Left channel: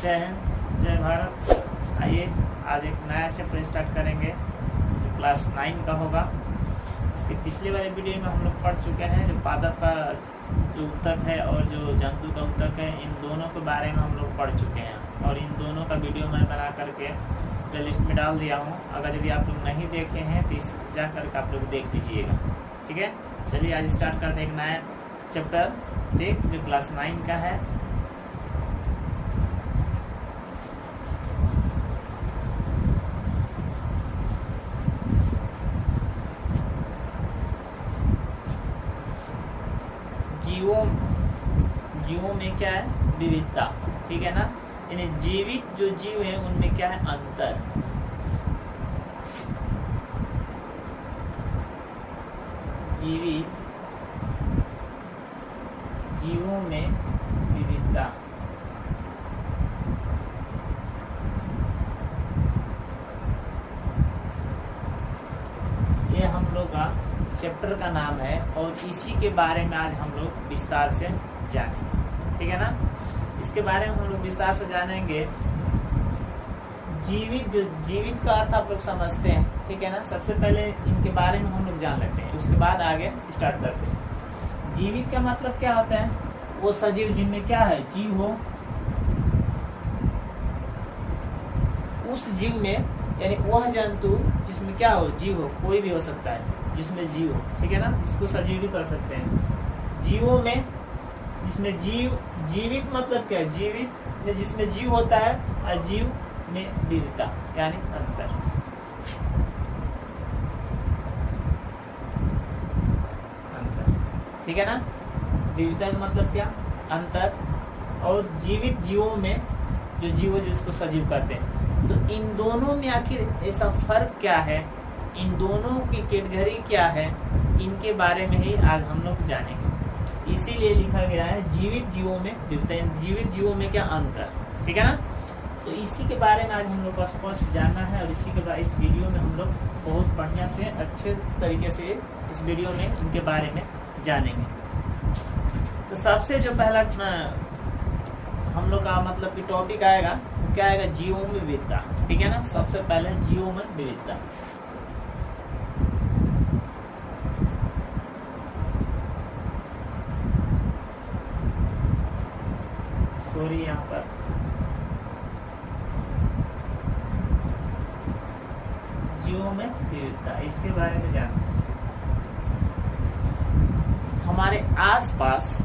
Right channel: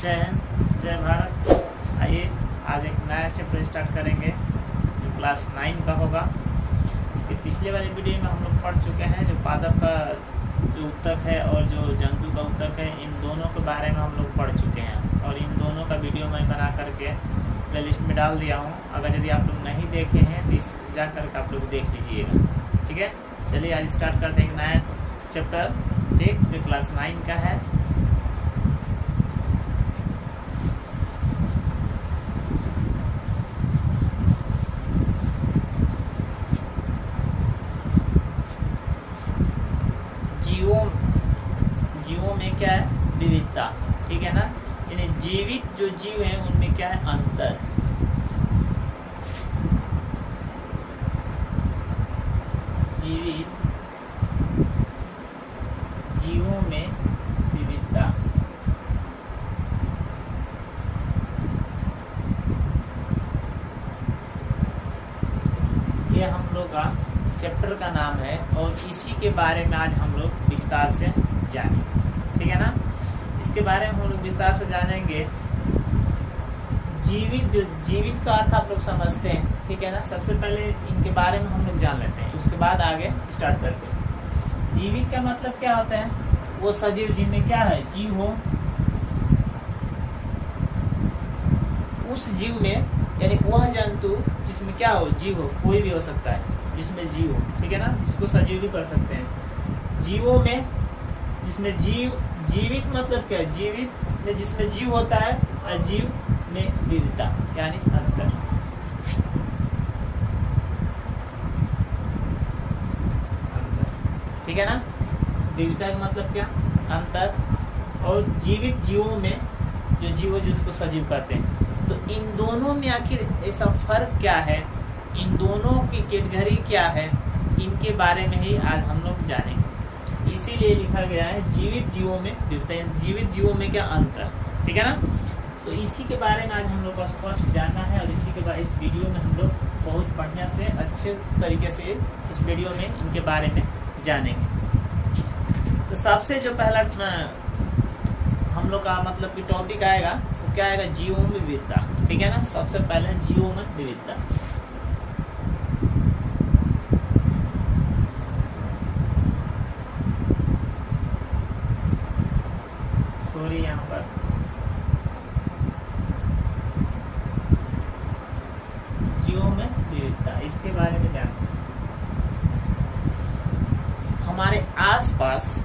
जय हिंद, जय भारत। आइए आज एक नया चैप्टर स्टार्ट करेंगे जो क्लास 9 का होगा। इसके पिछले वाले वीडियो में हम लोग पढ़ चुके हैं जो पादप का जो उत्तक है और जो जंतु का उत्तक है, इन दोनों के बारे में हम लोग पढ़ चुके हैं और इन दोनों का वीडियो मैं बना करके प्ले लिस्ट में डाल दिया हूँ। अगर यदि आप लोग नहीं देखे हैं तो इस जा करके आप लोग देख लीजिएगा, ठीक है। चलिए आज स्टार्ट करते हैं एक नया चैप्टर, ठीक, जो क्लास 9 का है। जीवों में क्या है? विविधता, ठीक है ना। यानी जीवित जो जीव है उनमें क्या है? अंतर। जीवित जीवों में विविधता। ये हम लोग का चैप्टर का नाम है और इसी के बारे में आज हम लोग विस्तार से जानेंगे, ठीक है ना। इसके बारे में हम लोग विस्तार से जानेंगे। जीवित का अर्थ आप लोग समझते हैं, ठीक है ना। सबसे पहले इनके बारे में हम लोग जान लेते हैं, उसके बाद आगे स्टार्ट करते हैं। जीवित का मतलब क्या होता है? वो सजीव जिनमें क्या है? जीव हो। उस जीव में यानी वह जंतु जिसमें क्या हो? जीव हो। कोई भी हो सकता है जिसमें जीव हो, ठीक है ना, जिसको सजीव भी कर सकते हैं। जीवों में जिसमें जीवित मतलब क्या है? जीवित में जिसमें जीव होता है और जीव में विविधता यानी अंतर। ठीक है ना। विविधता का मतलब क्या? अंतर। और जीवित जीवों में जो जीव जिसको सजीव कहते हैं, तो इन दोनों में आखिर ऐसा फर्क क्या है? इन दोनों की कैटेगरी क्या है? इनके बारे में ही आज हम लोग जानेंगे। इसीलिए लिखा गया है जीवित जीवों में विविधता, जीवित जीवों में क्या अंतर, ठीक है ना। तो इसी के बारे में आज हम लोग को स्पष्ट जानना है और इसी के बाद इस वीडियो में हम लोग बहुत बढ़िया से अच्छे तरीके से इस वीडियो में इनके बारे में जानेंगे। तो सबसे जो पहला हम लोग का मतलब कि टॉपिक आएगा वो क्या आएगा? जीवों में विविधता, ठीक है ना। सबसे पहले जीवों में विविधता। सॉरी, यहाँ पर जीवों में विविधता, इसके बारे में जानते हैं। हमारे आसपास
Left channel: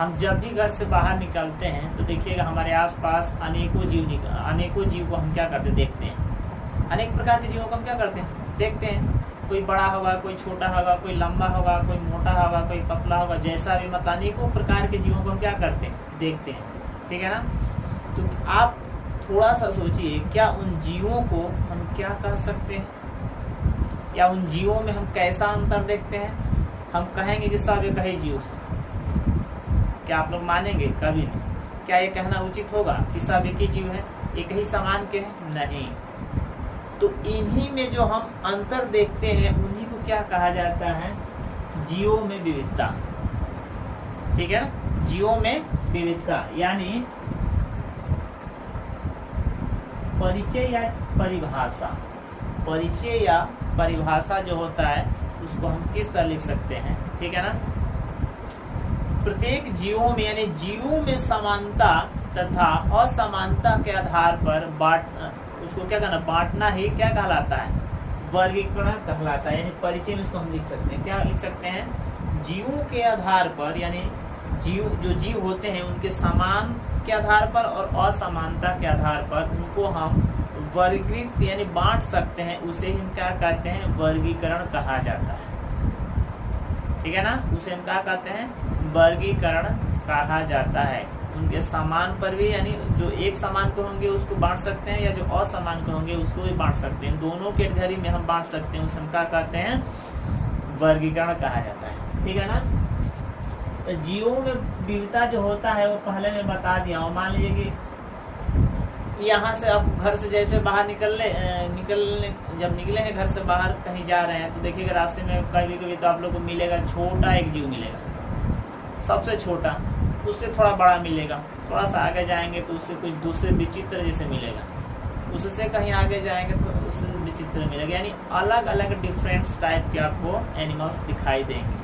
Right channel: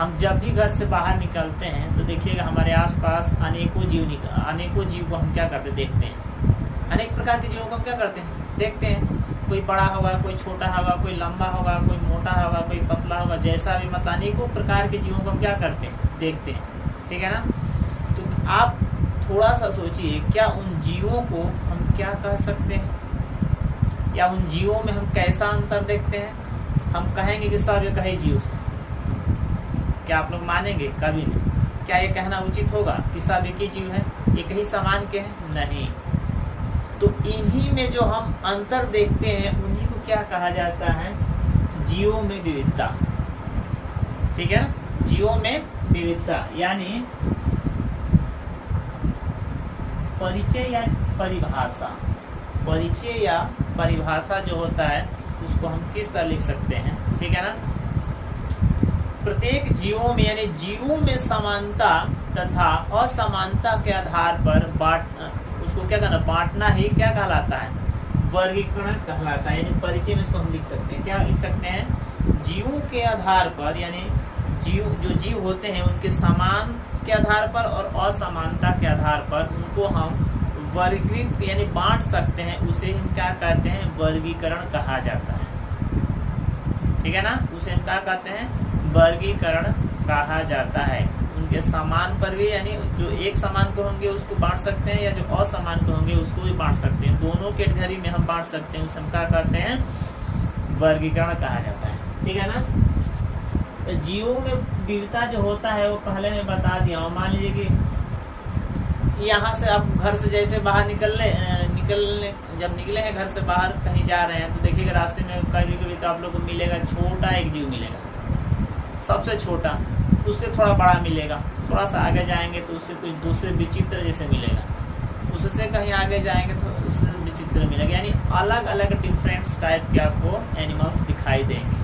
हम जब भी घर से बाहर निकलते हैं तो देखिएगा हमारे आसपास अनेकों जीव को हम क्या करते देखते हैं। अनेक प्रकार के जीवों को हम क्या करते हैं? देखते हैं। कोई बड़ा होगा, कोई छोटा होगा, कोई लंबा होगा, कोई मोटा होगा, कोई पतला होगा, जैसा भी मतलब अनेकों प्रकार के जीवों को हम क्या करते हैं? देखते हैं, ठीक है ना। तो आप थोड़ा सा सोचिए, क्या उन जीवों को हम क्या कह सकते हैं या उन जीवों में हम कैसा अंतर देखते हैं? हम कहेंगे कि सब एक ही जीव है, क्या आप लोग मानेंगे? कभी नहीं। क्या ये कहना उचित होगा कि सब एक ही जीव है, एक ही समान के हैं? नहीं। तो इन्हीं में जो हम अंतर देखते हैं उन्हीं को क्या कहा जाता है? जीवों में विविधता, ठीक है। जीवों में विविधता यानी परिचय या परिभाषा जो होता है उसको हम किस तरह लिख सकते हैं, ठीक है ना। प्रत्येक जीवों में यानी जीवों में समानता तथा असमानता के आधार पर उसको क्या कहना? बांटना ही क्या कहलाता है? वर्गीकरण कहलाता है। यानी परिचय में इसको हम लिख सकते हैं, क्या लिख सकते हैं? जीवों के आधार पर यानी जो जीव होते हैं उनके समान के आधार पर और असमानता के आधार पर उनको हम वर्गीकृत यानी बांट सकते हैं। उसे हम क्या कहते हैं? वर्गीकरण कहा जाता है, ठीक है ना। उसे हम क्या कहते हैं? वर्गीकरण कहा जाता है। उनके समान पर भी यानी जो एक समान को होंगे उसको बांट सकते हैं या जो असमान को होंगे उसको भी बांट सकते हैं। दोनों कैटेगरी में हम बांट सकते हैं, उसे हम क्या कहते हैं? वर्गीकरण कहा जाता है, ठीक है ना। तो जीवों में विविधता जो होता है वो पहले मैं बता दिया हूँ। मान लीजिए कि यहाँ से आप घर से जैसे बाहर जब निकले हैं घर से बाहर कहीं जा रहे हैं तो देखिएगा रास्ते में कभी कभी तो आप लोग को मिलेगा छोटा एक जीव मिलेगा, सबसे छोटा, उससे थोड़ा बड़ा मिलेगा, थोड़ा सा आगे जाएंगे तो उससे कुछ दूसरे विचित्र जैसे मिलेगा, उससे कहीं आगे जाएंगे तो उससे विचित्र मिलेगा, यानी अलग अलग डिफरेंट टाइप के आपको एनिमल्स दिखाई देंगे,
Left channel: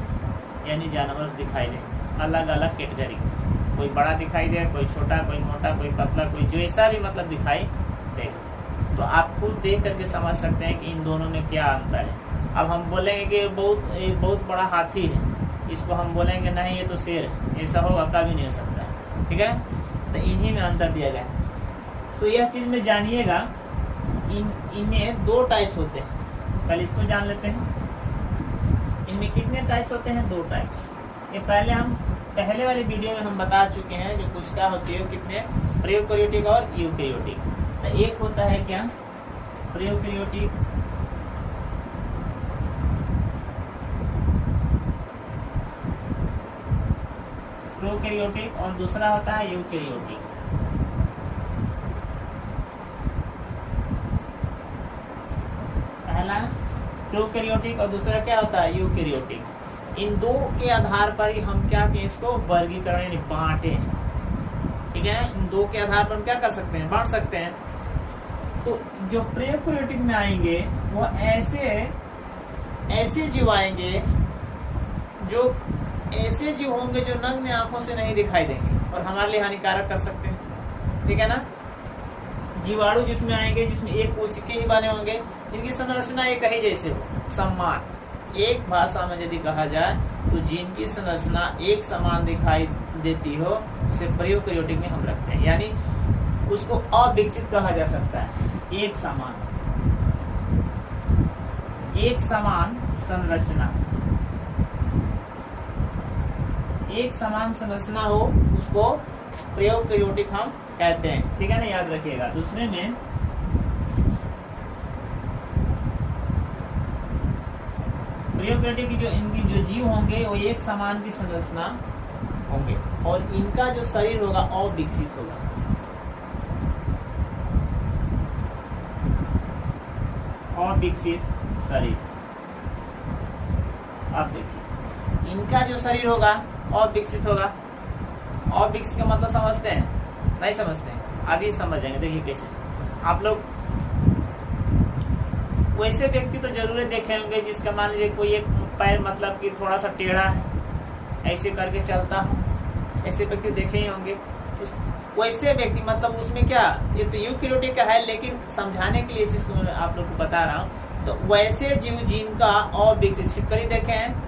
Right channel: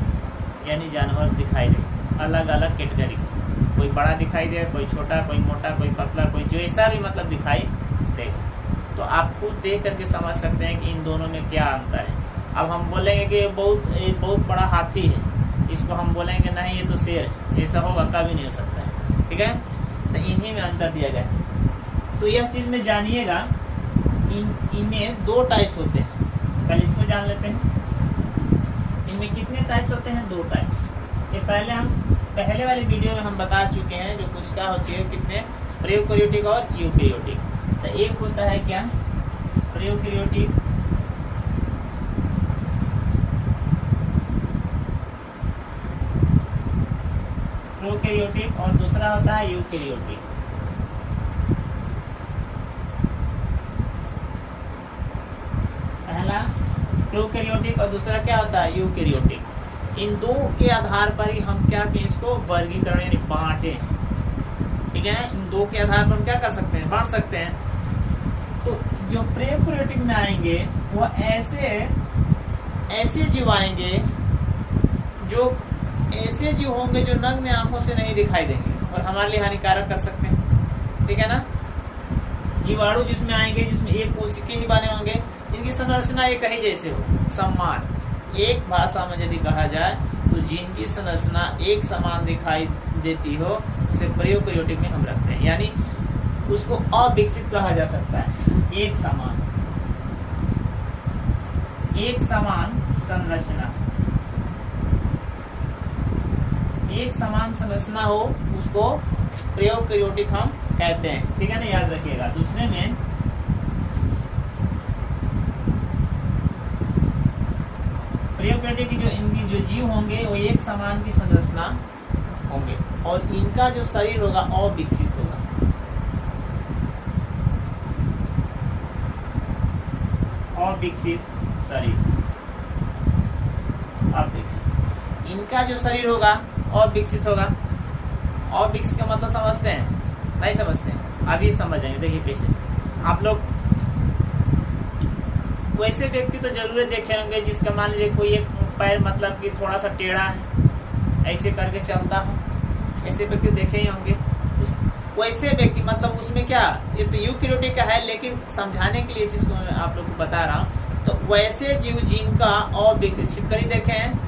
यानी जानवर दिखाई देंगे अलग अलग कैटेगरी के। कोई बड़ा दिखाई देगा, कोई छोटा, कोई मोटा, कोई पतला, कोई जैसा भी मतलब दिखाई देगा। तो आप खुद देख करके समझ सकते हैं कि इन दोनों में क्या अंतर है। अब हम बोलेंगे कि ये बहुत बड़ा हाथी है, इसको हम बोलेंगे नहीं ये तो शेर है, ऐसा होगा कभी नहीं हो सकता है, ठीक है। तो इन्हीं में अंतर दिया गया है। तो यह चीज़ में जानिएगा, इनमें 2 टाइप्स होते हैं। पहले इसको जान लेते हैं, इनमें कितने टाइप्स होते हैं, 2 टाइप्स। ये पहले वाले वीडियो में हम बता चुके हैं, जो कोशिका होती है कितने प्रोकैरियोटिक और यूकैरियोटिक। तो एक होता है क्या, प्रोकैरियोटिक, प्रोकैरियोटिक और दूसरा होता है यूकैरियोटिक। पहला प्रोकैरियोटिक और दूसरा क्या होता है, यूकैरियोटिक। इन 2 के आधार पर ही हम क्या कि इसको वर्गीकरण यानी बांटे हैं, ठीक है। इन 2 के आधार पर हम क्या कर सकते हैं, बांट सकते हैं। तो जो प्रोकैरियोटिक में आएंगे वो ऐसे जीव आएंगे, जो ऐसे जीव होंगे जो नग्न आंखों से नहीं दिखाई देंगे और हमारे लिए हानिकारक कर सकते हैं, ठीक है ना। जीवाणु जिसमें आएंगे, जिसमें एक कोशिका ही बने होंगे, इनकी संरचना एक ही जैसे हो, समान। एक भाषा में यदि कहा जाए तो जिनकी संरचना एक समान दिखाई देती हो उसे प्रोकैरियोटिक में हम रखते हैं, यानी उसको अविकसित कहा जा सकता है। एक समान संरचना, एक समान संरचना हो उसको प्रोकैरियोटिक हम कहते हैं, ठीक है ना, याद रखिएगा। दूसरे में प्रोकैरियोटिक की इनकी जो जीव होंगे वो एक समान की संरचना होंगे और इनका जो शरीर होगा अविकसित होगा। अविकसित शरीर। अब देखिए, इनका जो शरीर होगा अविकसित होगा। अविकसित का मतलब समझते हैं, नहीं समझते हैं, अभी समझेंगे। देखिए कैसे, आप लोग वैसे व्यक्ति तो जरूर देखे होंगे जिसका मान लीजिए कोई एक पैर मतलब कि थोड़ा सा टेढ़ा है, ऐसे करके चलता हो, ऐसे व्यक्ति देखे ही होंगे। वैसे व्यक्ति मतलब उसमें क्या, ये तो यूकैरियोटिक का है, लेकिन समझाने के लिए चीज को मैं आप लोग को बता रहा हूँ। तो वैसे जीव जिनका अविकसित, छिपकली देखे हैं,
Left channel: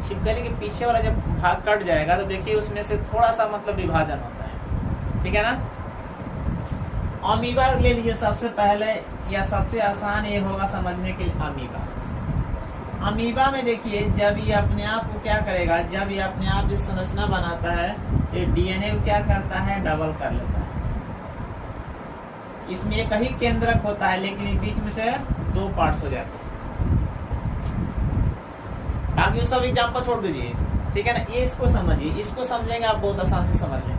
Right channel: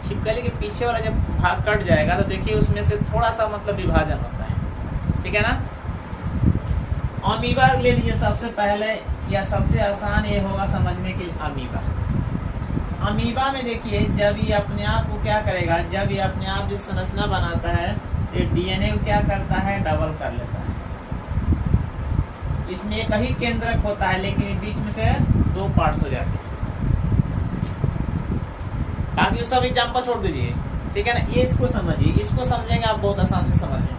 छिपकली के पीछे वाला जब भाग कट जाएगा तो देखिए उसमें से थोड़ा सा मतलब विभाजन होता है, ठीक है ना। अमीबा ले लीजिए सबसे पहले, या सबसे आसान ये होगा समझने के लिए अमीबा। अमीबा में देखिए जब ये अपने आप को क्या करेगा, जब ये अपने आप जो संरचना बनाता है ये डीएनए को क्या करता है, डबल कर लेता है। इसमें एक ही केंद्रक होता है लेकिन बीच में से 2 पार्ट्स हो जाते हैं। बाकी सब एग्जाम्पल छोड़ दीजिए, ठीक है ना। ये इसको समझिए, इसको समझेंगे आप बहुत आसानी से समझ लेंगे।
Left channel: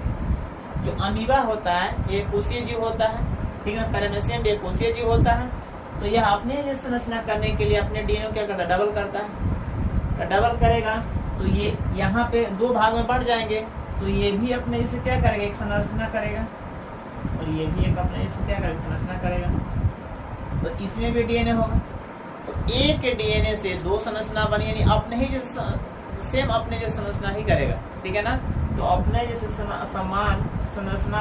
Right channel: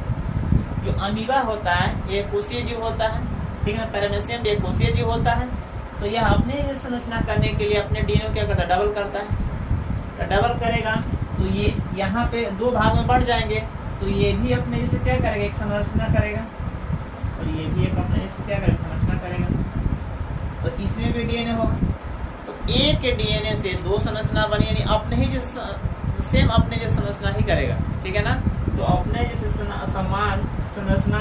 जो अमीबा होता है ये कोशीय जीव होता है, ठीक है ना। पैरामेसियम एक कोशीय जीव होता है। तो यह अपने संरचना करने के लिए अपने डीएनए क्या करता है, डबल करता है। तो डबल करेगा तो ये यहाँ पे 2 भाग में बढ़ जाएंगे, तो ये भी अपने जैसे क्या करेगा, एक संरचना करेगा, और ये भी एक अपने जैसे क्या करेगा, संरचना करेगा। तो इसमें भी डीएनए होगा। तो एक डीएनए से 2 संरचना बनी, यानी अपने ही जैसे सेम अपने जैसे संरचना ही करेगा, ठीक है ना। तो अपने जैसे समान संरचना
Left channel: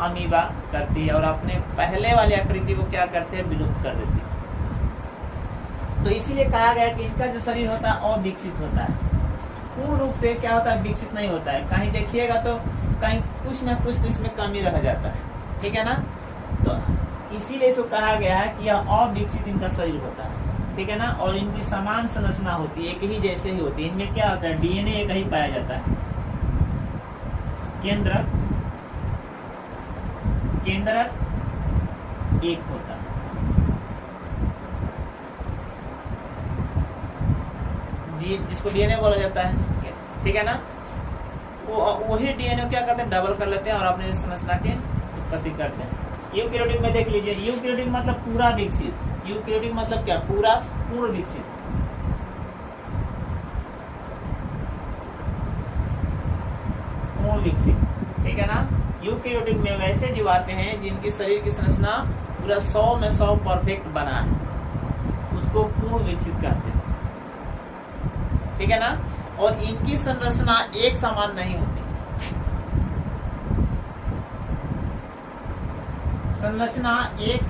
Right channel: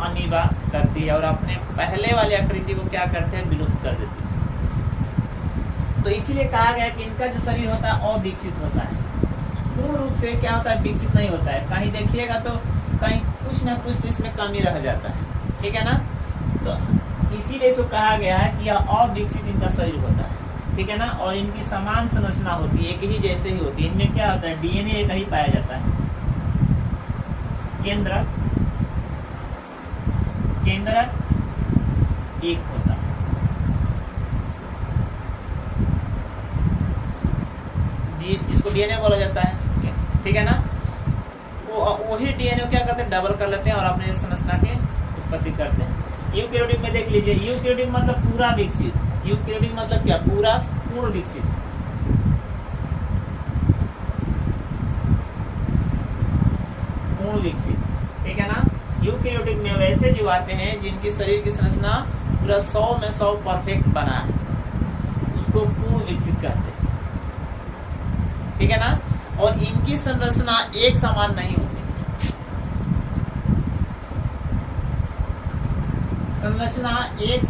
अमीबा करती है और अपने पहले वाली आकृति को क्या करते हैं, विलुप्त कर देती है। तो इसीलिए कहा गया कि इनका जो शरीर होता है अविकसित होता है, पूर्ण रूप से क्या होता है, विकसित नहीं होता है। कहीं देखिएगा तो कहीं कुछ ना कुछ तो इसमें कमी रह जाता है, ठीक है ना। तो इसीलिए इसको कहा गया है कि यह अविकसित इनका शरीर होता है, ठीक है ना। और इनकी समान संरचना होती है, एक ही जैसे ही होती है। इनमें क्या होता है, डीएनए एक ही पाया जाता है। केंद्रक एक होता है, जिसको डीएनए बोला जाता है, ठीक है ना। वही डीएनए क्या करते हैं, डबल कर लेते हैं और अपने संरचना की उत्पत्ति करते हैं। यूकैरियोटिक में देख लीजिए, यूकैरियोटिक मतलब पूरा विकसित। यूकैरियोटिक मतलब क्या, पूर्ण विकसित। पूर्ण विकसित, ठीक है ना। यूकैरियोटिक में वैसे जीव आते हैं जिनकी शरीर की संरचना पूरा 100 में 100 परफेक्ट बना है, उसको पूर्ण विकसित कहते हैं, ठीक है ना। और इनकी संरचना एक समान नहीं होती, संरचना एक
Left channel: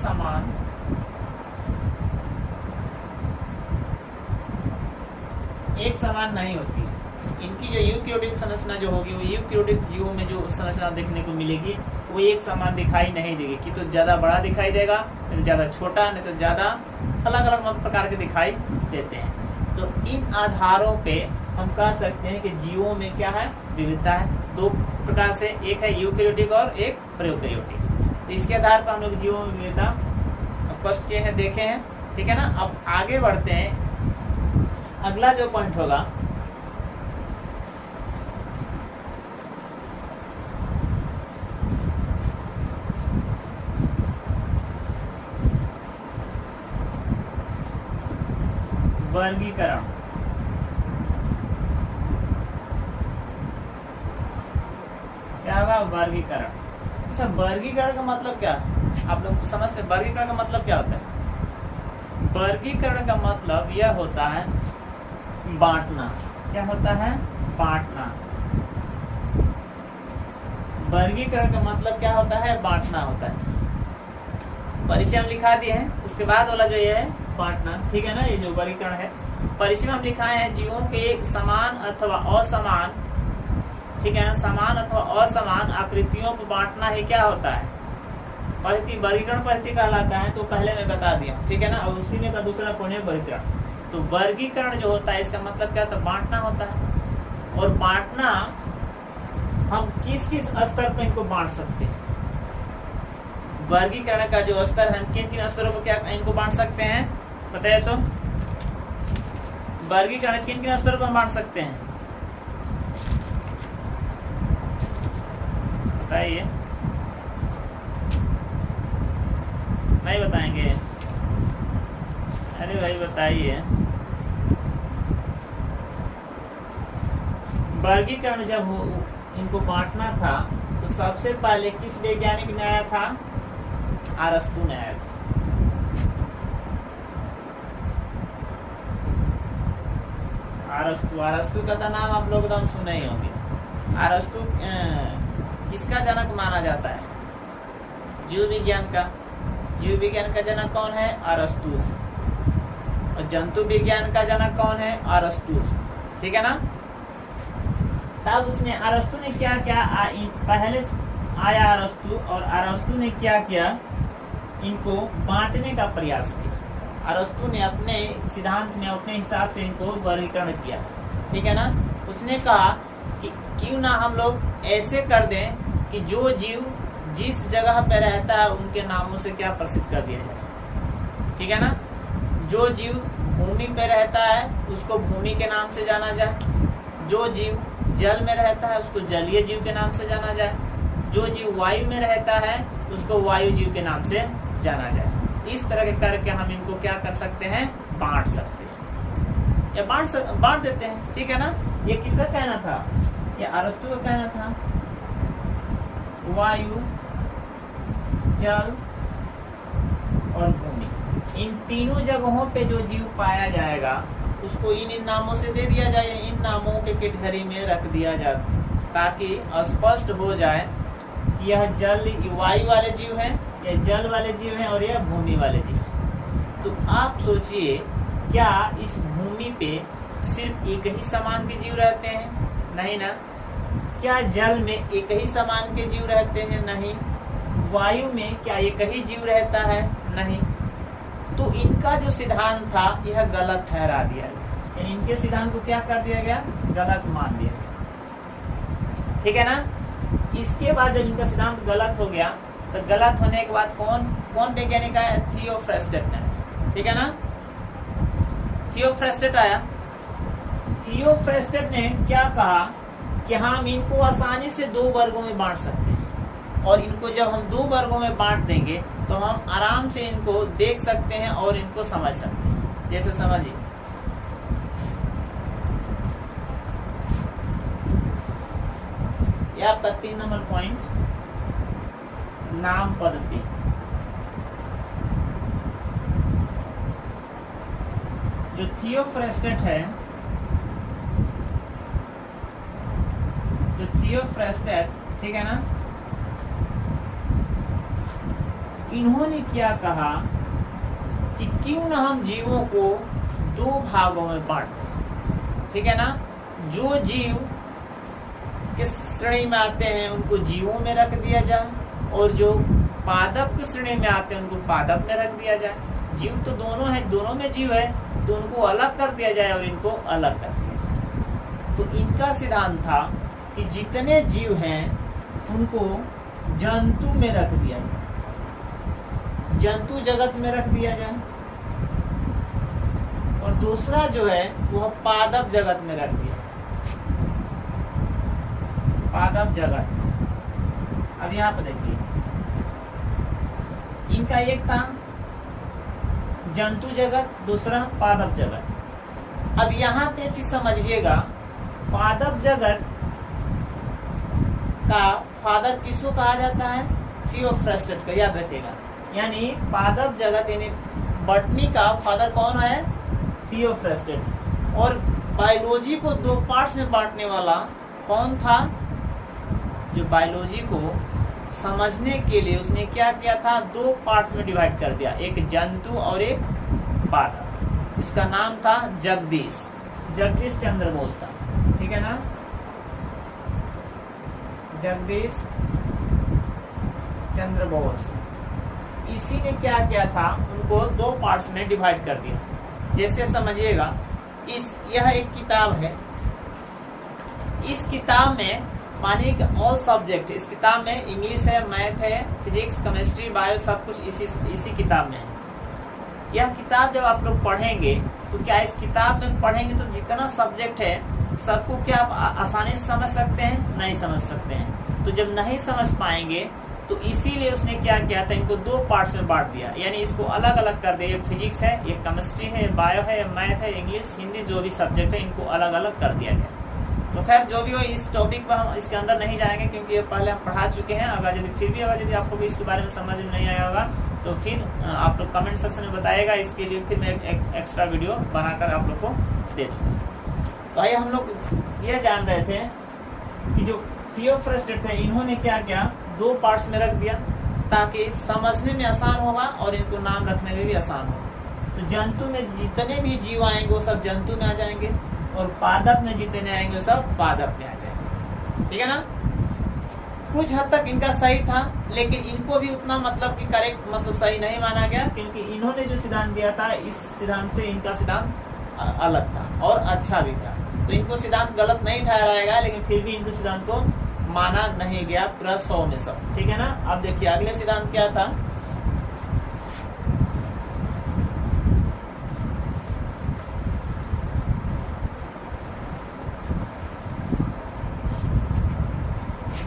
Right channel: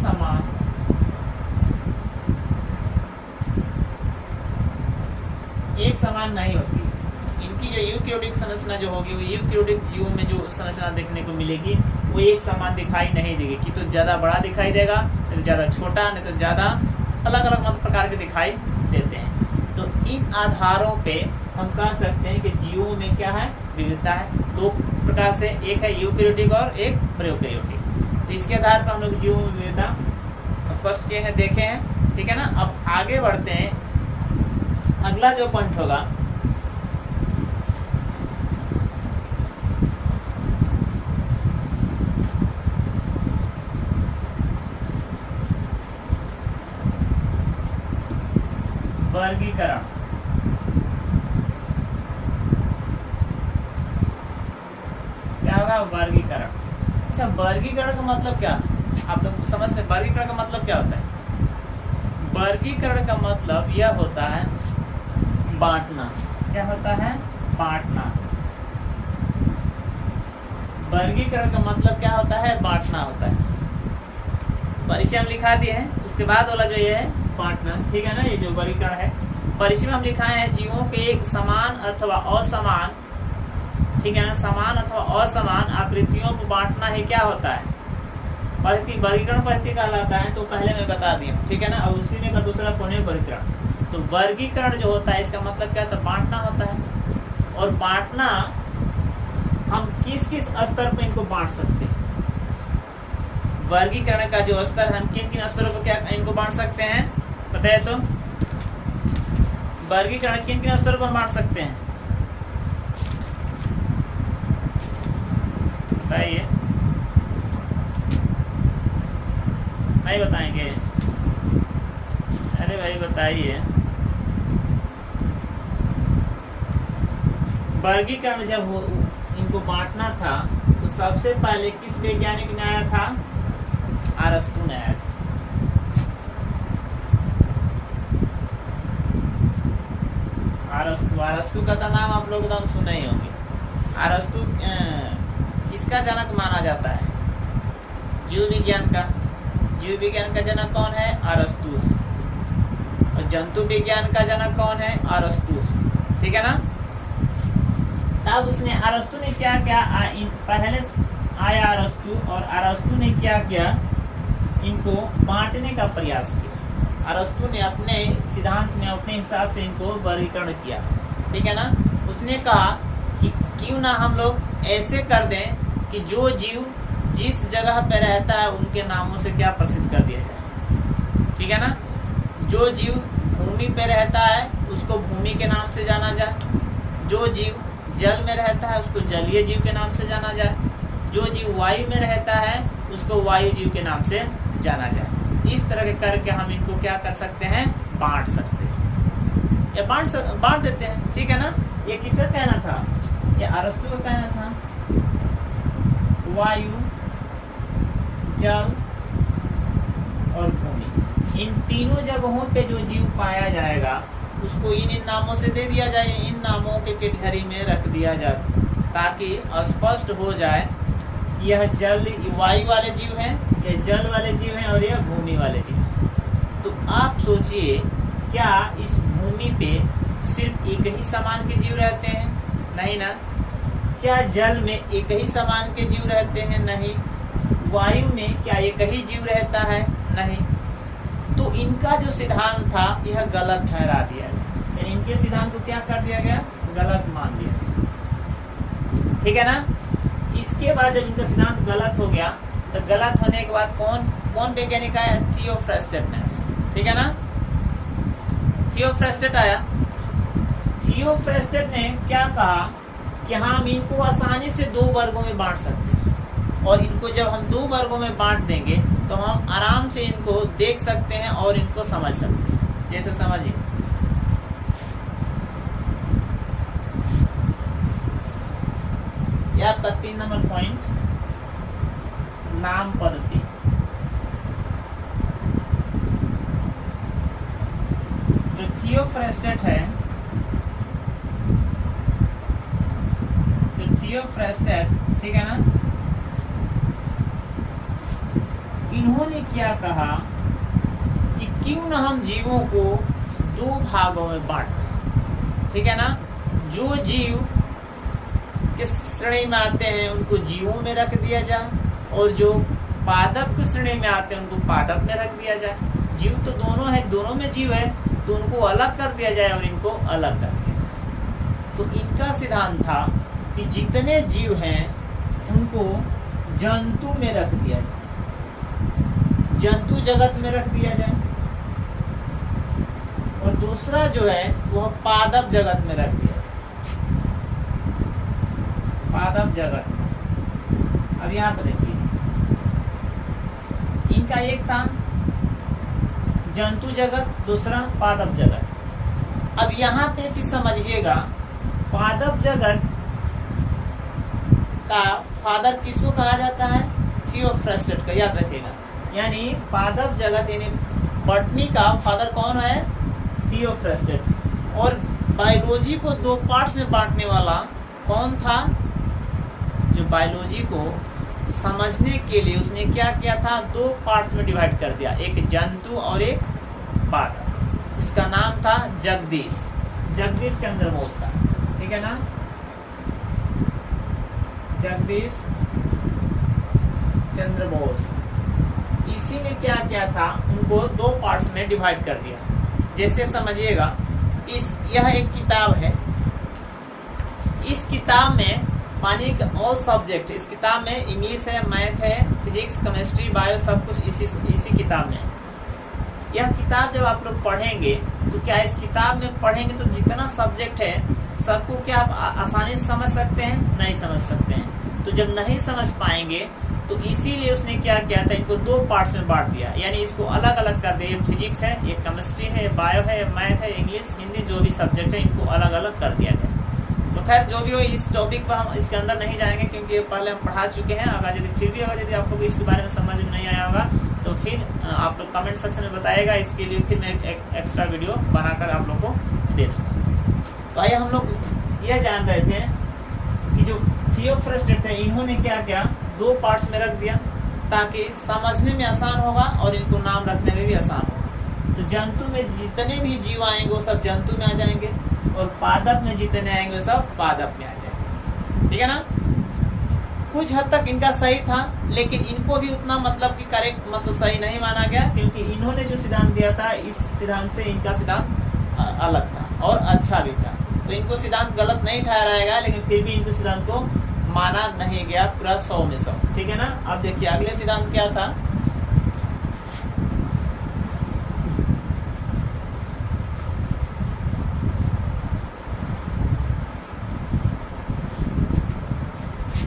समान नहीं होती। इनकी जो यूकैरियोटिक संरचना जो होगी, वो यूकैरियोटिक जीवों में जो संरचना देखने को मिलेगी वो एक समान दिखाई नहीं देगी, कि तो ज्यादा बड़ा दिखाई देगा, नहीं तो ज्यादा छोटा, नहीं तो ज्यादा अलग अलग मतलब प्रकार के दिखाई देते हैं। तो इन आधारों पे हम कह सकते हैं कि जीवों में क्या है, विविधता है। दो प्रकार से, एक है यूकैरियोटिक और एक प्रोकैरियोटिक। तो इसके आधार पर हम लोग जीवों में विविधता स्पष्ट किए हैं, देखे हैं, ठीक है ना। अब आगे बढ़ते हैं, अगला जो पॉइंट होगा वर्गीकरण। क्या होगा, वर्गीकरण। अच्छा, वर्गीकरण का मतलब क्या, आप लोग समझते हैं वर्गीकरण का मतलब क्या होता है? वर्गीकरण का मतलब यह होता है बांटना। क्या होता है? बांटना। वर्गीकरण का मतलब क्या होता है? बांटना होता है। परिचय हम लिखा दिए हैं, उसके बाद वाला जो ये है बांटना, ठीक है ना। ये जो वर्गीकरण है, परिचय में हम लिखाए हैं जीवों के समान अथवा असमान, ठीक है ना, समान अथवा असमान आकृतियों पर बांटना ही क्या होता है? पद्धति, वर्गीकरण पद्धति कहलाता है। तो पहले मैं बता दिया, ठीक है ना। अब उसी में का दूसरा पॉइंट है वर्गीकरण। तो वर्गीकरण जो होता है, इसका मतलब क्या होता है? बांटना होता है। और बांटना हम किस किस स्तर पर इनको बांट सकते हैं? वर्गीकरण का जो स्तर है, हम किन किन स्तरों पर क्या इनको बांट सकते हैं, बताइए तो। वर्गीकरण किन किन स्तरों पर बांट सकते हैं, बताइए। नहीं बताएंगे? अरे भाई बताइए। वर्गीकरण जब हो इनको बांटना था, तो सबसे पहले किस वैज्ञानिक ने आया था? अरस्तु ने आया था। अरस्तु का नाम आप लोग एकदम सुने ही होंगे। अरस्तु किसका जनक माना जाता है? जीव विज्ञान का। जीव विज्ञान का जनक कौन है? अरस्तु है। और जंतु विज्ञान का जनक कौन है? अरस्तु है, ठीक है ना। तब उसने, अरस्तु ने क्या क्या, पहले आया अरस्तु, और अरस्तु ने क्या किया, इनको बांटने का प्रयास किया। अरस्तु ने अपने सिद्धांत में अपने हिसाब से इनको वर्गीकरण किया, ठीक है ना। उसने कहा कि क्यों ना हम लोग ऐसे कर दें कि जो जीव जिस जगह पे रहता है उनके नामों से क्या प्रसिद्ध कर दिया जाए, ठीक है ना। जो जीव भूमि पे रहता है उसको भूमि के नाम से जाना जाए, जो जीव जल में रहता है उसको जलीय जीव के नाम से जाना जाए, जो जीव वायु में रहता है उसको वायु जीव के नाम से जाना जाए। इस तरह के करके हम इनको क्या कर सकते हैं? बांट सकते हैं, या बांट देते हैं, ठीक है ना। ये किसका कहना था? ये अरस्तु का कहना था। वायु, जल और भूमि, इन तीनों जगहों पे जो जीव पाया जाएगा उसको इन नामों से दे दिया जाए, इन नामों के कैटेगरी में रख दिया जाए, ताकि स्पष्ट हो जाए यह जल वायु वाले जीव हैं, यह जल वाले जीव हैं, और यह भूमि वाले जीव हैं। तो आप सोचिए, क्या इस भूमि पे सिर्फ एक ही समान के जीव रहते हैं? नहीं ना। क्या जल में एक ही समान के जीव रहते हैं? नहीं। वायु में क्या एक ही जीव रहता है? नहीं। तो इनका जो सिद्धांत था यह गलत ठहरा दिया गया, यानी इनके सिद्धांत को क्या कर दिया गया? गलत मान दिया गया, ठीक है ना। इसके बाद जब इनका सिद्धांत गलत हो गया, तो गलत होने के बाद कौन वैज्ञानिक आया? थियोफ्रेस्टेट ने, ठीक है ना। थियोफ्रेस्टेट आया। थियोफ्रेस्टेट ने क्या कहा कि हम इनको आसानी से दो वर्गों में बांट सकते हैं, और इनको जब हम दो वर्गों में बांट देंगे तो हम आराम से इनको देख सकते हैं और इनको समझ सकते हैं। जैसे समझिए, ये आपका 3 नंबर पॉइंट, नाम पद्धति। जो थियोफ्रेस्टेट है, जो थियोफ्रेस्टेट, ठीक है ना, इन्होंने क्या कहा कि क्यों ना हम जीवों को 2 भागों में बांट दें, ठीक है ना। जो जीव किस श्रेणी में आते हैं उनको जीवों में रख दिया जाए, और जो पादप की श्रेणी में आते हैं उनको पादप में रख दिया जाए। जीव तो दोनों है, दोनों में जीव है, तो उनको अलग कर दिया जाए और इनको अलग कर दिया जाए। तो इनका सिद्धांत था कि जितने जीव हैं उनको जंतु में रख दिया जाए, जंतु जगत में रख दिया जाए, और दूसरा जो है वह पादप जगत में रख दिया, पादप जगत। अब यहाँ पर देखिए, इनका एक था जंतु जगत, दूसरा पादप जगत। अब यहाँ पे चीज समझिएगा, पादप जगत का फादर किसको कहा जाता है? थियोफ्रेस्टेट का, याद रखिएगा। यानी पादप जगत यानी बॉटनी का फादर कौन है? थियोफ्रेस्टेट। और बायोलॉजी को 2 पार्ट्स में बांटने वाला कौन था? जो बायोलॉजी को समझने के लिए उसने क्या किया था? 2 पार्ट्स में डिवाइड कर दिया, एक जंतु और एक पादप। इसका नाम था जगदीश चंद्र बोस था, ठीक है ना, जगदीश चंद्र बोस। इसी ने क्या किया था? उनको 2 पार्ट्स में डिवाइड कर दिया। जैसे आप समझिएगा, यह एक किताब है, इस किताब में मानिए कि ऑल सब्जेक्ट, इस किताब में इंग्लिश है, मैथ है, फिजिक्स, केमिस्ट्री, बायो, सब कुछ इसी किताब में है। यह किताब जब आप लोग पढ़ेंगे तो क्या इस किताब में पढ़ेंगे तो जितना सब्जेक्ट है सबको क्या आप आसानी से समझ सकते हैं? नहीं समझ सकते हैं। तो जब नहीं समझ पाएंगे तो इसीलिए उसने क्या किया था? इनको 2 पार्ट्स में बांट दिया, यानी इसको अलग अलग कर दिया। ये फिजिक्स है, ये केमिस्ट्री है, ये बायो है, ये मैथ है, इंग्लिश, हिंदी, जो भी सब्जेक्ट है इनको अलग अलग कर दिया गया। तो खैर जो भी हो, इस टॉपिक पर हम इसके अंदर नहीं जाएंगे क्योंकि ये पहले हम पढ़ा चुके हैं। अगर यदि आप लोग इसके बारे में समझ में नहीं आया होगा तो फिर आप लोग कमेंट सेक्शन में बताइएगा, इसके लिए फिर मैं एक एक्स्ट्रा वीडियो बनाकर आप लोग को दे दूँगा। तो आइए, हम लोग ये जान रहे थे कि जो थियोफ्रेस्टेट थे इन्होंने क्या किया? 2 पार्ट्स में रख दिया ताकि समझने में आसान होगा और इनको नाम रखने में भी आसान होगा। तो जंतु में जितने भी जीव आएंगे वो सब जंतु में आ जाएंगे, और पादप में जितने आएंगे वो सब पादप में आ जाएंगे, ठीक है ना। कुछ हद तक इनका सही था, लेकिन इनको भी उतना मतलब कि करेक्ट मतलब सही नहीं माना गया, क्योंकि इन्होंने जो सिद्धांत दिया था इस सिद्धांत से इनका सिद्धांत अलग था और अच्छा भी था। तो इनको सिद्धांत गलत नहीं ठहराएगा, लेकिन फिर भी इनको सिद्धांत को माना नहीं गया पूरा 100 में 100, ठीक है ना। अब देखिए अगले सिद्धांत क्या था?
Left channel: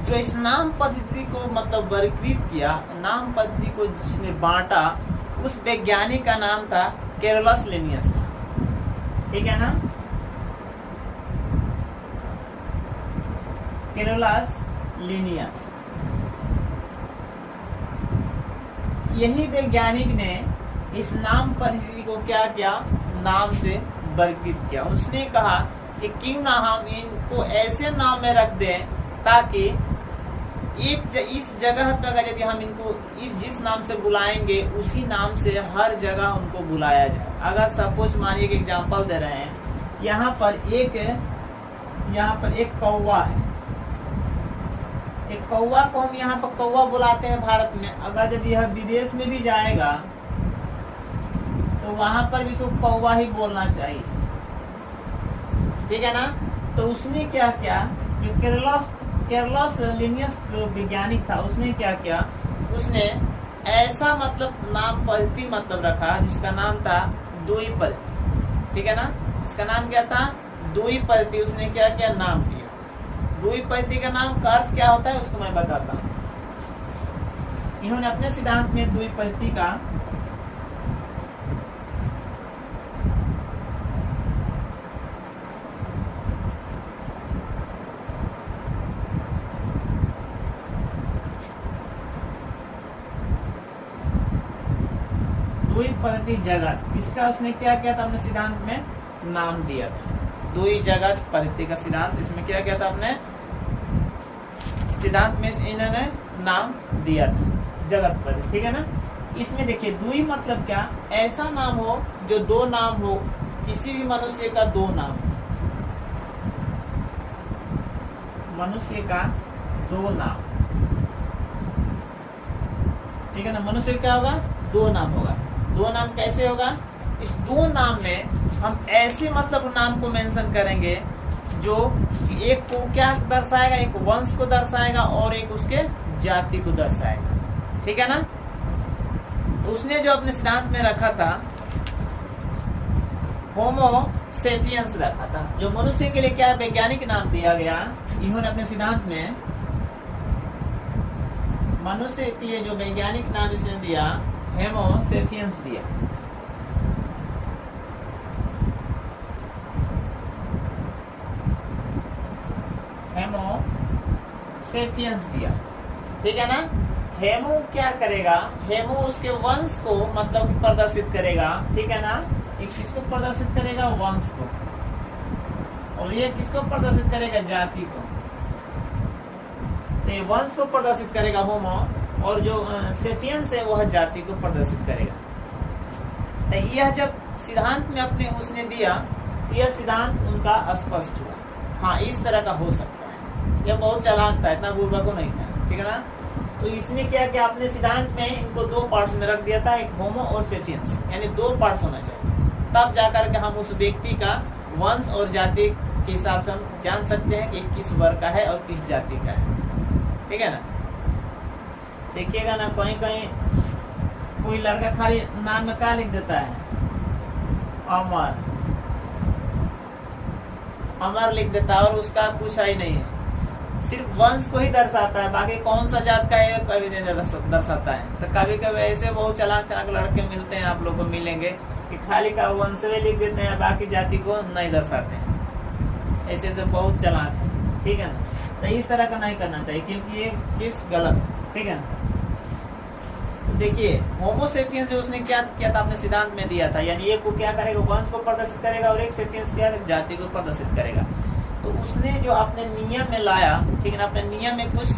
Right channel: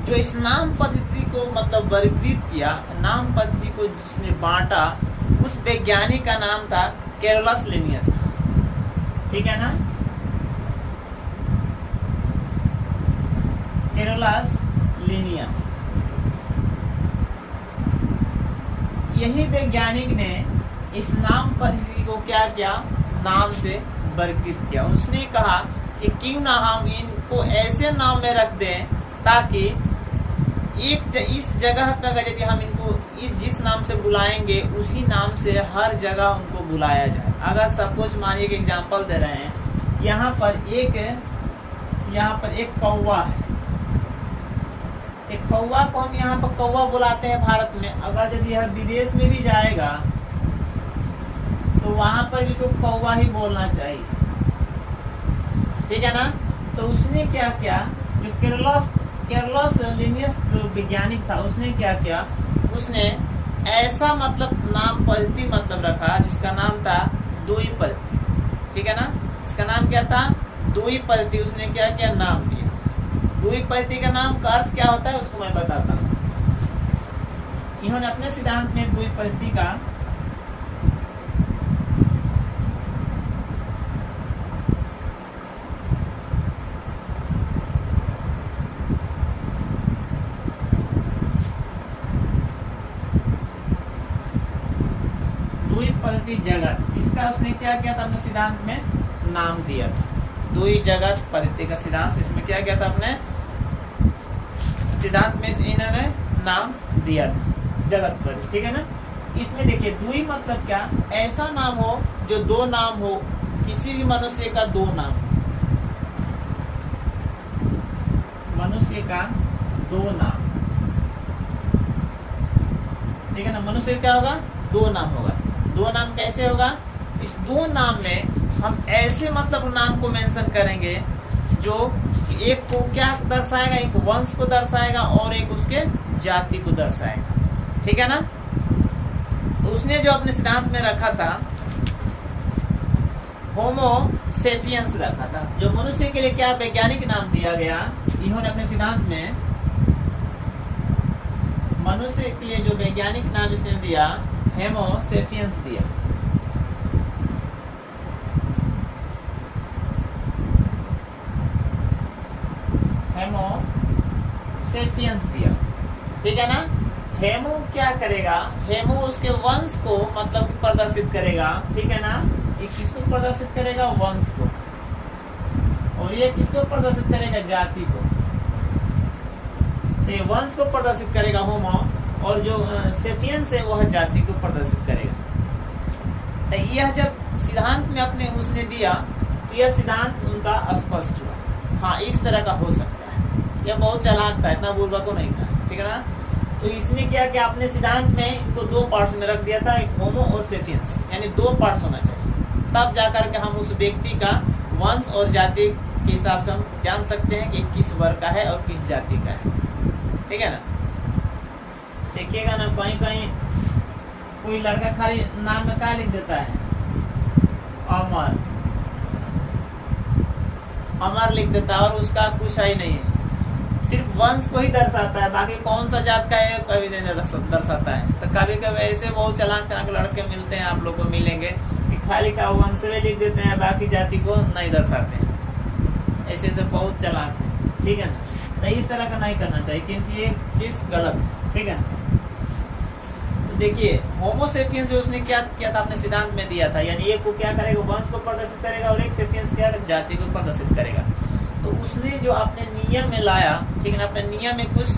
जो इस नाम पद्धति को मतलब वर्गीकृत किया, नाम पद्धति को जिसने बांटा, उस वैज्ञानिक का नाम था कैरोलस लिनियस था, ठीक है ना, कैरोलस लिनियस। यही वैज्ञानिक ने इस नाम पद्धति को क्या किया? नाम से वर्गीकृत किया। उसने कहा कि क्यों ना हम इनको ऐसे नाम में रख दें ताकि इस जगह पर अगर यदि हम इनको जिस नाम से बुलाएंगे उसी नाम से हर जगह उनको बुलाया जाए। अगर सपोज मानिए कि एग्जांपल दे रहे हैं, यहाँ पर एक कौवा है, एक कौवा को हम यहाँ पर कौवा बुलाते हैं भारत में। अगर यदि यह विदेश में भी जाएगा तो वहां पर भी इसको कौवा ही बोलना चाहिए, ठीक है ना। तो उसने क्या किया? जो कैरोलस लिनियस जो वैज्ञानिक था उसने क्या किया? उसने ऐसा मतलब नाम पद्धति मतलब रखा जिसका नाम था दुई पद्धति, ठीक है ना। इसका नाम क्या था? दुई पद्धति। उसने क्या क्या नाम दिया? दुई पद्धति का नाम का अर्थ क्या होता है उसको मैं बताता हूँ। इन्होंने अपने सिद्धांत में दुई पद्धति का पद्धति जगत, इसका उसने क्या किया था अपने सिद्धांत में नाम दिया था। द्वि जगत पद्धति का सिद्धांत, इसमें क्या किया था अपने सिद्धांत में इन्होंने नाम दिया था जगत पद्धति, ठीक है ना। इसमें देखिए द्वि मतलब क्या, ऐसा नाम हो जो दो नाम हो, किसी भी मनुष्य का दो नाम, मनुष्य का दो नाम, ठीक है ना। मनुष्य क्या होगा, दो नाम होगा। दो नाम कैसे होगा, इस दो नाम में हम ऐसे मतलब नाम को मेंशन करेंगे जो एक को क्या दर्शाएगा, एक वंश को दर्शाएगा और एक उसके जाति को दर्शाएगा, ठीक है ना। तो उसने जो अपने सिद्धांत में रखा था होमो सेपियंस रखा था, जो मनुष्य के लिए क्या वैज्ञानिक नाम दिया गया। इन्होंने अपने सिद्धांत में मनुष्य के लिए जो वैज्ञानिक नाम इसने दिया होमो सेपियंस दिया। होमो सेपियंस दिया, ठीक है ना। हेमो क्या करेगा, हेमो उसके वंश को मतलब प्रदर्शित करेगा, ठीक है ना। ये किसको प्रदर्शित करेगा, वंश को, और ये किसको प्रदर्शित करेगा, जाति को। तो ये वंश को प्रदर्शित करेगा होमो, और जो सेपियंस है वह जाति को प्रदर्शित करेगा। तो यह जब सिद्धांत में अपने उसने दिया तो यह सिद्धांत उनका स्पष्ट हुआ। हाँ, इस तरह का हो सकता है। यह बहुत चालाक था, इतना बुर्बक को नहीं था, ठीक है ना। तो इसने क्या किया, अपने सिद्धांत में इनको दो पार्ट्स में रख दिया था, एक होमो और सेपियंस, यानी दो पार्ट्स होना चाहिए, तब जाकर के हम उस व्यक्ति का वंश और जाति के हिसाब से हम जान सकते हैं कि किस वर्ग का है और किस जाति का है, ठीक है ना। देखिएगा ना, कहीं कहीं कोई लड़का खाली नाम में क्या लिख देता है, अमर, अमर लिख देता है और उसका कुछ ही नहीं है, सिर्फ वंश को ही दर्शाता है, बाकी कौन सा जात का है कभी नहीं दर्शाता है। तो कभी कभी ऐसे बहुत चालाक चालाक लड़के मिलते हैं, आप लोग को मिलेंगे कि खाली का वंश में लिख देते हैं, बाकी जाति को नहीं दर्शाते हैं। ऐसे ऐसे बहुत चालाक है, ठीक है ना। तो इस तरह का नहीं करना चाहिए, क्योंकि ये चीज गलत है, ठीक है ना। तो देखिए होमो सेपियंस जो उसने क्या किया था, अपने सिद्धांत में दिया था, यानी एक को क्या करेगा, वंश को प्रदर्शित करेगा, और एक सेपियंस क्या जाति को प्रदर्शित करेगा। तो उसने जो अपने नियम में लाया, ठीक है ना, अपने नियम में कुछ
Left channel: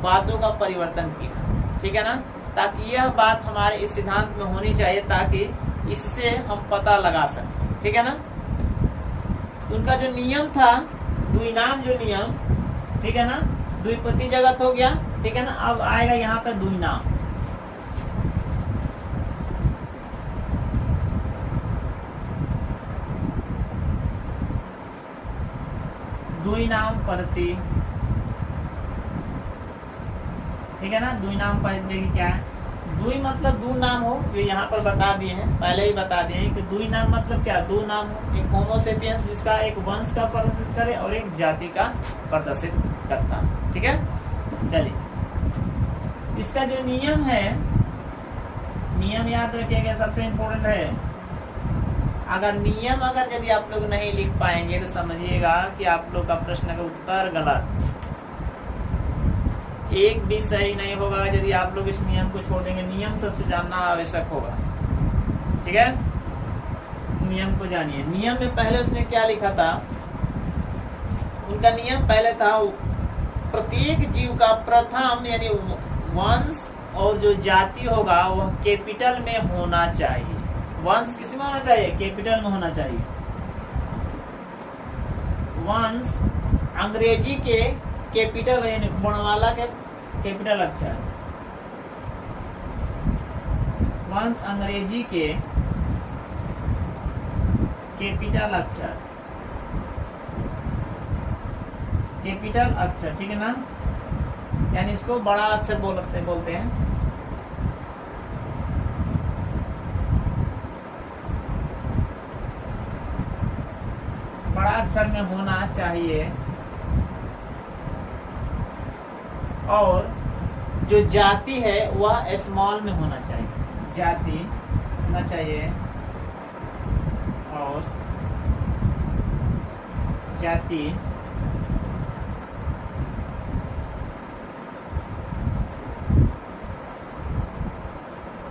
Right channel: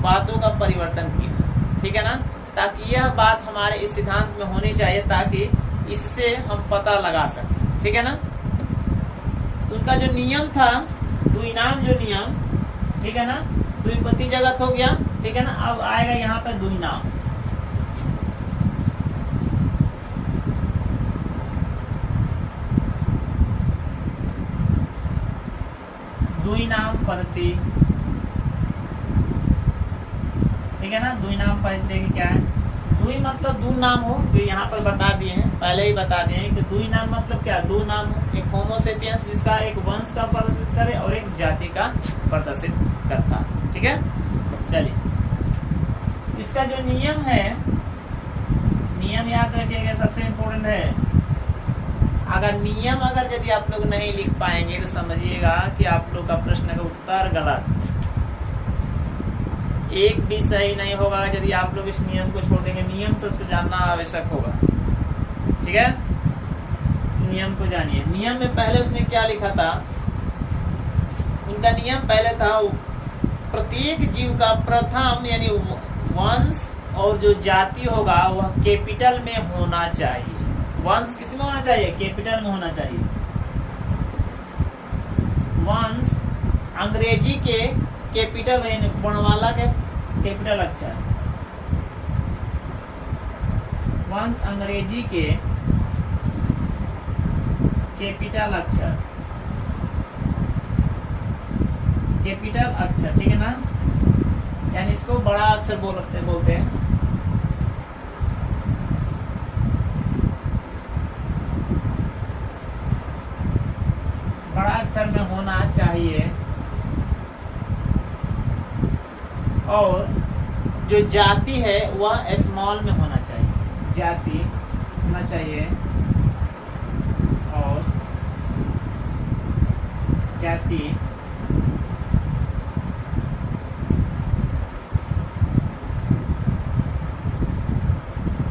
बातों का परिवर्तन किया, ठीक है ना, ताकि यह बात हमारे इस सिद्धांत में होनी चाहिए, ताकि इससे हम पता लगा सकें, ठीक है ना। उनका जो नियम था, द्विनाम जो नियम, ठीक है ना, द्विपति जगत हो गया, ठीक है ना। अब आएगा यहाँ पे द्विनाम। द्विनाम पद्धति, ठीक है ना। द्विनाम पद्धति क्या है, द्वि मतलब दो नाम हो, जो यहाँ पर बता दिए हैं, पहले ही बता दिए हैं कि द्विनाम मतलब क्या, दो नाम हो, एक होमो सेपियंस जिसका एक वंश का प्रदर्शित करे और एक जाति का प्रदर्शित करता, ठीक है। चलिए, इसका जो नियम है, नियम याद रखिएगा, सबसे इम्पोर्टेंट है। अगर नियम यदि आप लोग नहीं लिख पाएंगे तो समझिएगा कि आप लोग का प्रश्न का उत्तर गलत, एक भी सही नहीं होगा यदि आप लोग इस नियम को छोड़ देंगे। नियम सबसे जानना आवश्यक होगा, ठीक है। नियम को जानिए। नियम में पहले उसने क्या लिखा था, उनका नियम पहले था प्रत्येक जीव का प्रथम यानी वंश और जो जाति होगा वह कैपिटल में होना चाहिए। वंश किस में होना चाहिए, कैपिटल में होना चाहिए। वंश अंग्रेजी के कैपिटल यानी वर्णमाला के कैपिटल अक्षर, वंश अंग्रेजी के कैपिटल अक्षर, कैपिटल अक्षर, ठीक है ना, यानी इसको बड़ा अक्षर बोलते हैं। बड़ा अक्षर में होना चाहिए, और जो जाति है वह स्मॉल में होना चाहिए। जाति होना चाहिए और जाति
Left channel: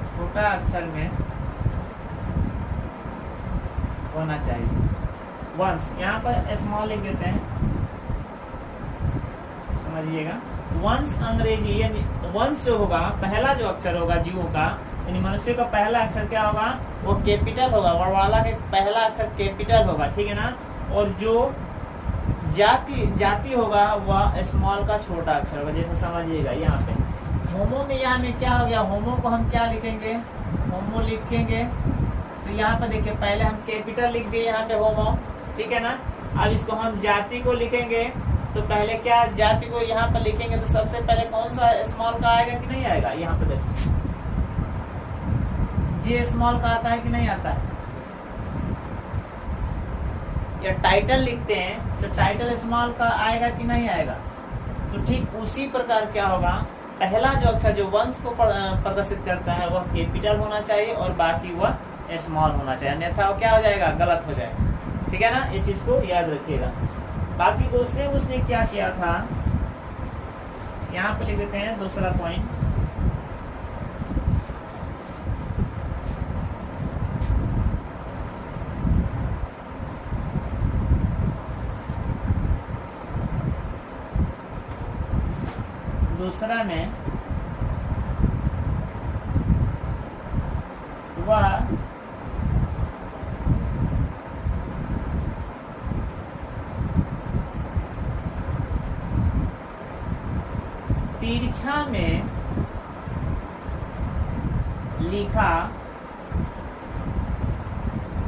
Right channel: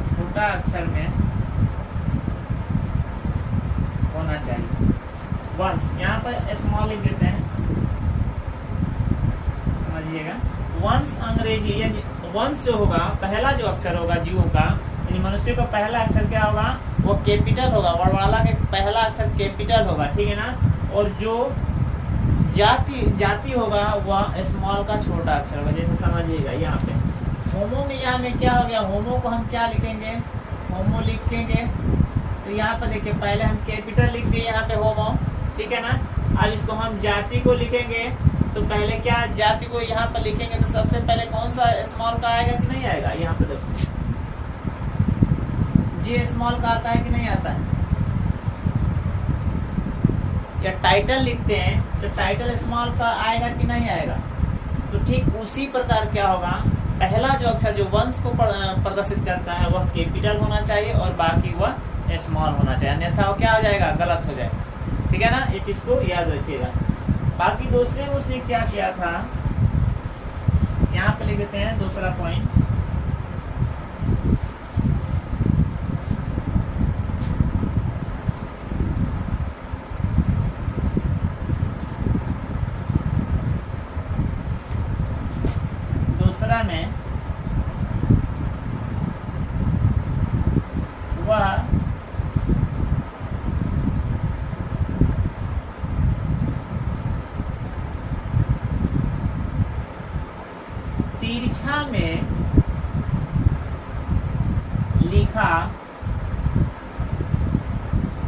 छोटा अक्षर में होना चाहिए। वंस यहाँ पर स्मॉल लिख देते हैं, समझिएगा। वंस अंग्रेजी यानी वंस जो होगा, पहला जो अक्षर होगा जीवों का, यानी मनुष्य का पहला अक्षर क्या होगा, वो कैपिटल होगा। वर्णमाला के पहला अक्षर कैपिटल होगा, ठीक है ना। और जो जाति होगा वह स्मॉल का छोटा अक्षर होगा, जैसे समझिएगा यहाँ पे। होमो में यहाँ में क्या हो गया, होमो को हम क्या लिखेंगे, होमो लिखेंगे। तो यहाँ पर देखिए पहले हम कैपिटल लिख दिए यहाँ पे होमो, ठीक है ना। अब इसको हम जाति को लिखेंगे, तो पहले क्या जाति को यहाँ पर लिखेंगे, तो सबसे पहले कौन सा स्मॉल का आएगा कि नहीं आएगा, यहाँ पे देखो जे स्मॉल का आता है कि नहीं आता है। या टाइटल लिखते हैं तो टाइटल स्मॉल का आएगा कि नहीं आएगा। तो ठीक उसी प्रकार क्या होगा, पहला जो अक्षर जो वंश को प्रदर्शित करता है वह कैपिटल होना चाहिए और बाकी वह स्मॉल होना चाहिए, अन्यथा वो क्या हो जाएगा, गलत हो जाएगा, ठीक है ना। ये चीज को याद रखिएगा। बाकी दूसरे में उसने क्या किया था, यहाँ पे लिख देते हैं दूसरा पॉइंट। दूसरा में वह तिरछा में लिखा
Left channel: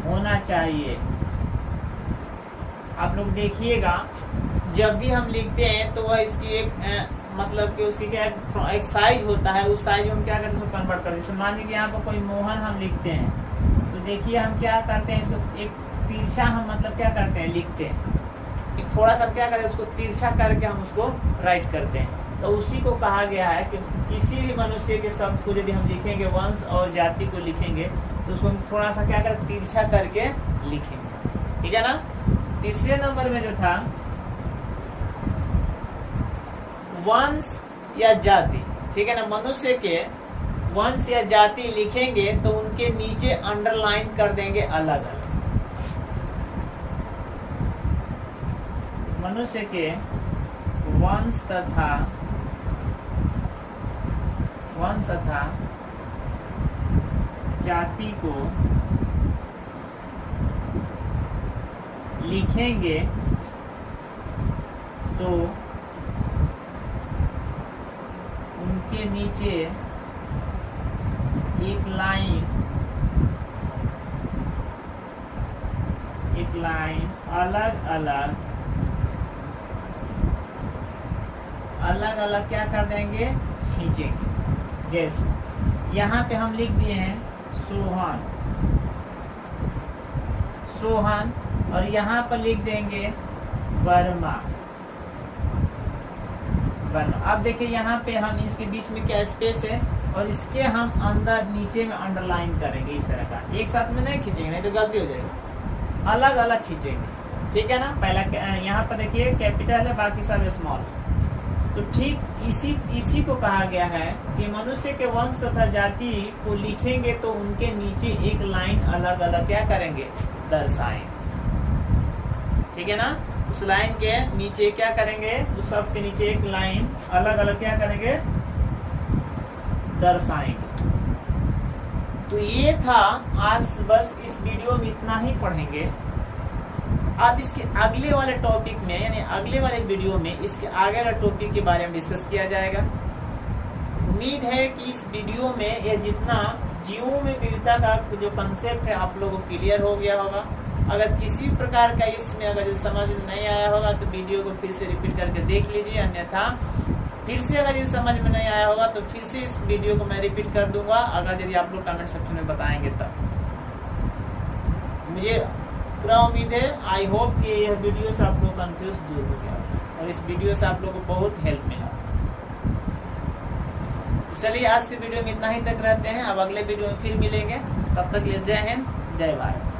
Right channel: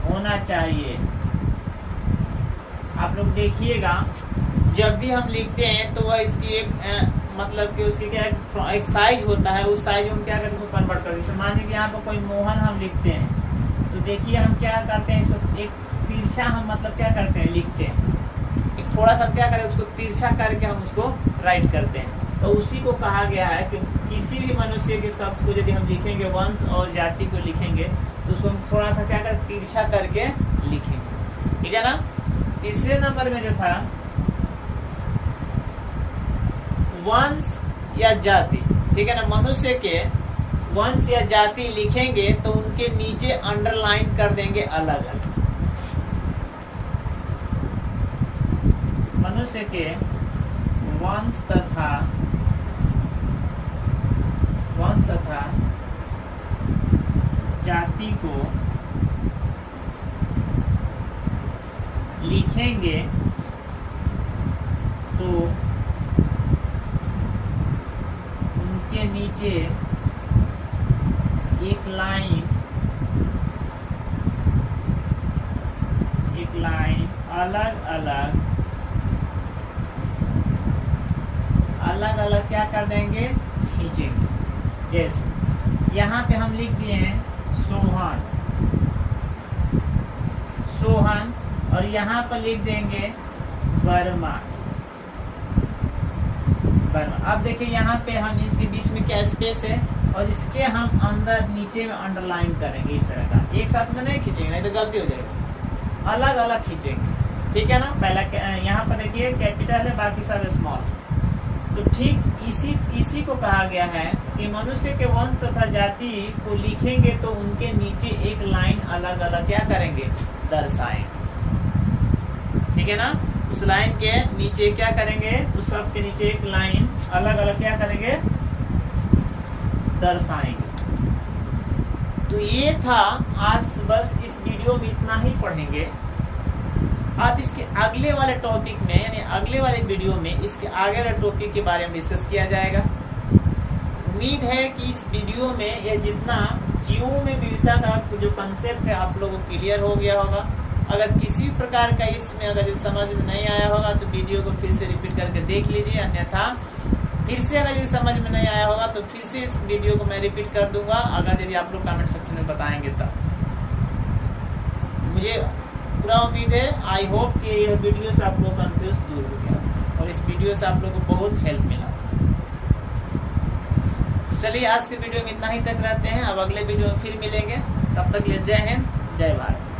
होना चाहिए। आप लोग देखिएगा जब भी हम लिखते हैं तो वह इसकी एक मतलब कि उसकी क्या एक साइज होता है, उस साइज में हम क्या करते हैं उसको कन्वर्ट करते हैं। जैसे मान लीजिए कि यहाँ पर कोई मोहन हम लिखते हैं, तो देखिए हम क्या करते हैं, इसको एक तिरछा हम मतलब क्या करते हैं, लिखते हैं। एक थोड़ा सा क्या करते हैं, उसको तिरछा करके हम उसको राइट करते हैं। तो उसी को कहा गया है कि किसी भी मनुष्य के शब्द को यदि हम लिखेंगे, वंश और जाति को लिखेंगे, तो उसको हम थोड़ा सा क्या करें, तिरछा करके लिखेंगे, ठीक है ना। तीसरे नंबर में जो था वंश या जाति, ठीक है ना। मनुष्य के वंश या जाति लिखेंगे तो उनके नीचे अंडरलाइन कर देंगे अलग अलग। मनुष्य के वंश तथा जाति को लिखेंगे तो उनके नीचे एक लाइन अलग अलग क्या कर देंगे, खींचेंगे। जैसे यहाँ पे हम लिख दिए हैं सोहन और यहाँ पर लिख देंगे वर्मा। अब देखिए यहाँ पे हम इसके बीच में क्या स्पेस है और इसके हम अंदर नीचे में अंडरलाइन करेंगे इस तरह का। एक साथ में नहीं खींचेंगे, नहीं तो गलती हो जाएगी, अलग अलग खींचेंगे, ठीक है ना। पहला यहाँ पर देखिए कैपिटल है, बाकी सब स्मॉल। तो ठीक इसी को कहा गया है कि मनुष्य के वंश तथा जाति को लिखेंगे तो उनके नीचे एक लाइन अलग अलग क्या करेंगे, दर्शाएंगे, ठीक है ना। उस लाइन के नीचे क्या करेंगे, उस शब्द के नीचे एक लाइन अलग अलग क्या करेंगे, दर्शाएंगे। तो ये था आज, बस इस वीडियो में इतना ही पढ़ेंगे। अब इसके अगले वाले टॉपिक में यानी अगले वाले वीडियो में इसके आगे वाले टॉपिक के बारे में डिस्कस किया जाएगा। उम्मीद है कि इस वीडियो में ये जितना जीवों में विविधता का जो कंसेप्ट है आप लोगों को क्लियर हो गया होगा। अगर किसी प्रकार का इसमें अगर समझ में नहीं आया होगा तो वीडियो को फिर से रिपीट करके देख लीजिए, अन्यथा फिर से अगर ये समझ में नहीं आया होगा तो फिर से इस वीडियो को मैं रिपीट कर दूंगा, अगर यदि आप लोग कमेंट सेक्शन में बताएंगे तब। मुझे पूरा उम्मीद है, आई होप कि यह वीडियो से आप लोग कंफ्यूज दूर हो गया और इस वीडियो से आप लोगों को बहुत हेल्प मिला। तो चलिए आज के वीडियो में इतना ही तक रहते हैं, अब अगले वीडियो में फिर मिलेंगे। तब तक के लिए जय हिंद, जय भारत।